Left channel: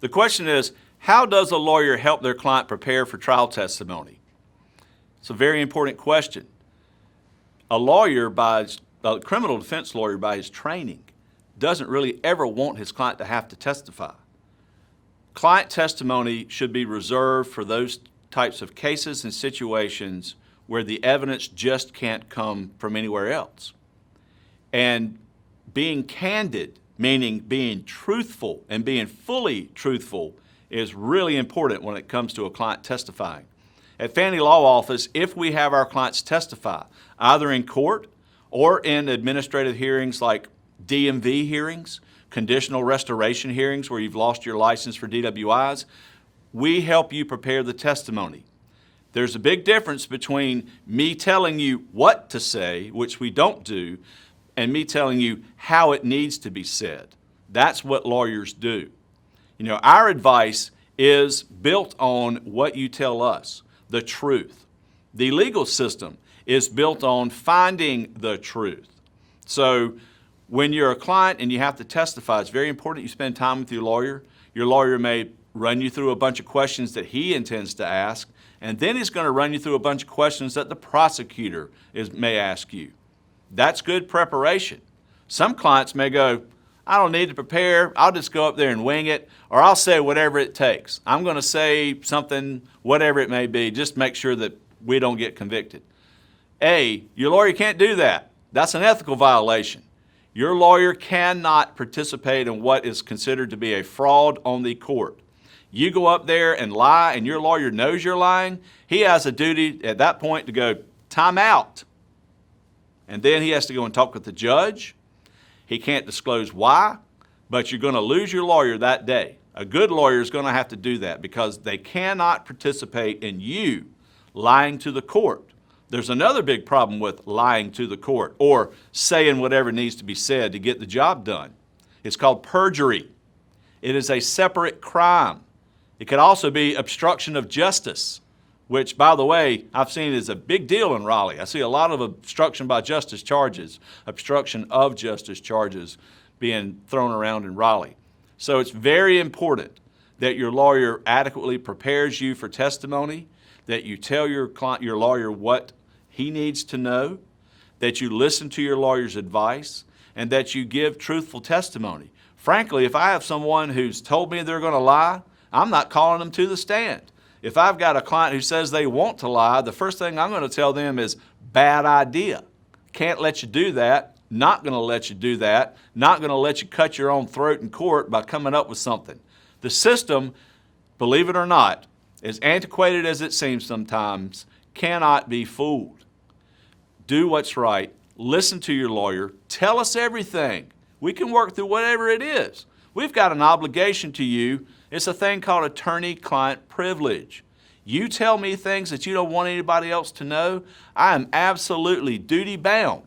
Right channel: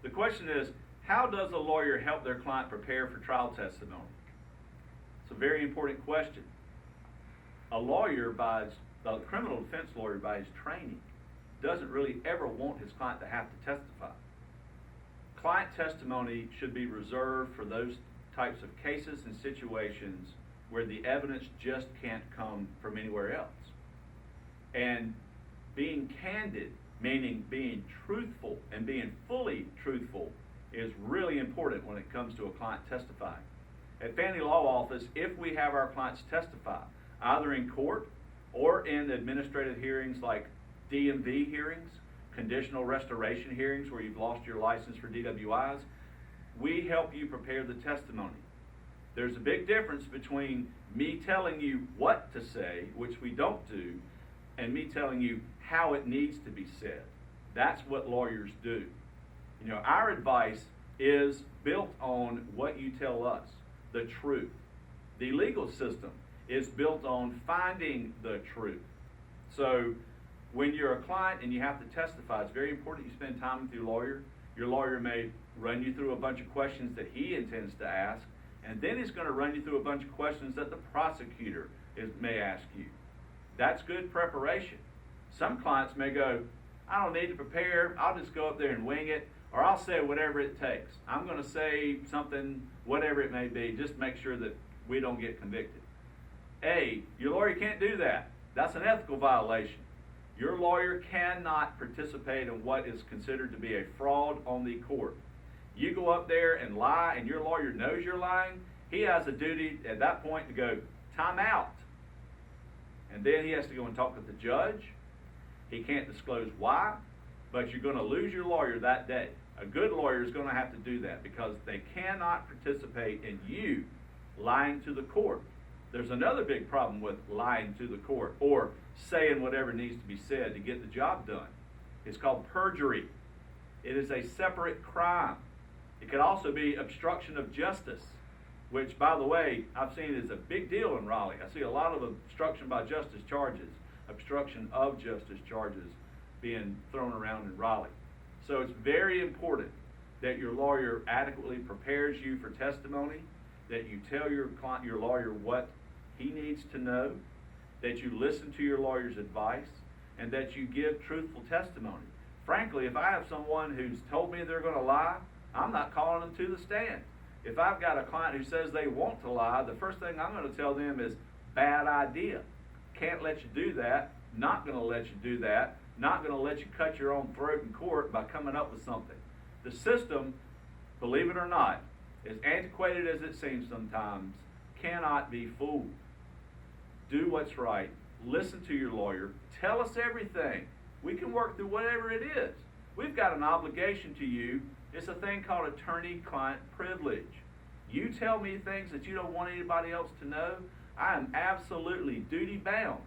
The question is, how does a lawyer help their client prepare for trial testimony? It's a very important question. A criminal defense lawyer, by his training, doesn't really ever want his client to have to testify. Client testimony should be reserved for those types of cases and situations where the evidence just can't come from anywhere else. And being candid, meaning being truthful and being fully truthful, is really important when it comes to a client testifying. At Fanney Law Office, if we have our clients testify, either in court or in administrative hearings like DMV hearings, conditional restoration hearings where you've lost your license for DWIs, we help you prepare the testimony. There's a big difference between me telling you what to say, which we don't do, and me telling you how it needs to be said. That's what lawyers do. You know, our advice is built on what you tell us, the truth. The legal system is built on finding the truth. So when you're a client and you have to testify, it's very important you spend time with your lawyer. Your lawyer may run you through a bunch of questions that he intends to ask, and then he's going to run you through a bunch of questions that the prosecutor may ask you. That's good preparation. Some clients may go, I don't need to prepare, I'll just go up there and wing it, or I'll say whatever it takes. I'm going to say something, whatever it may be, just make sure that we don't get convicted. Your lawyer can't do that. That's an ethical violation. Your lawyer cannot participate in what is considered to be a fraud on the court. You go up there and lie and your lawyer knows you're lying, he has a duty at that point to go, time out. And then he has to go and talk with the judge. He can't disclose why, but you're going to lose your lawyer that day. A good lawyer is going to have to do that because they cannot participate in you lying to the court. There's another big problem with lying to the court or saying whatever needs to be said to get the job done. It's called perjury. It is a separate crime. It could also be obstruction of justice, which, by the way, I've seen is a big deal in Raleigh. I see a lot of obstruction by justice charges, obstruction of justice charges being thrown around in Raleigh. So it's very important that your lawyer adequately prepares you for testimony, that you tell your lawyer what he needs to know, that you listen to your lawyer's advice, and that you give truthful testimony. Frankly, if I have someone who's told me they're going to lie, I'm not calling them to the stand. If I've got a client who says they want to lie, the first thing I'm going to tell them is, bad idea. Can't let you do that. Not going to let you do that. Not going to let you cut your own throat in court by coming up with something. The system, believe it or not, as antiquated as it seems sometimes, cannot be fooled. Do what's right. Listen to your lawyer. Tell us everything. We can work through whatever it is. We've got an obligation to you. It's a thing called attorney-client privilege. You tell me things that you don't want anybody else to know, I am absolutely duty-bound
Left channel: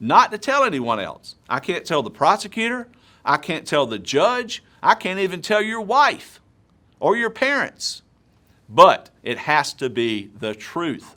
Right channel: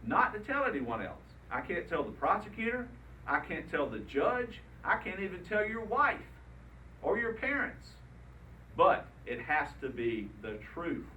not to tell anyone else. I can't tell the prosecutor, I can't tell the judge, I can't even tell your wife or your parents. But it has to be the truth.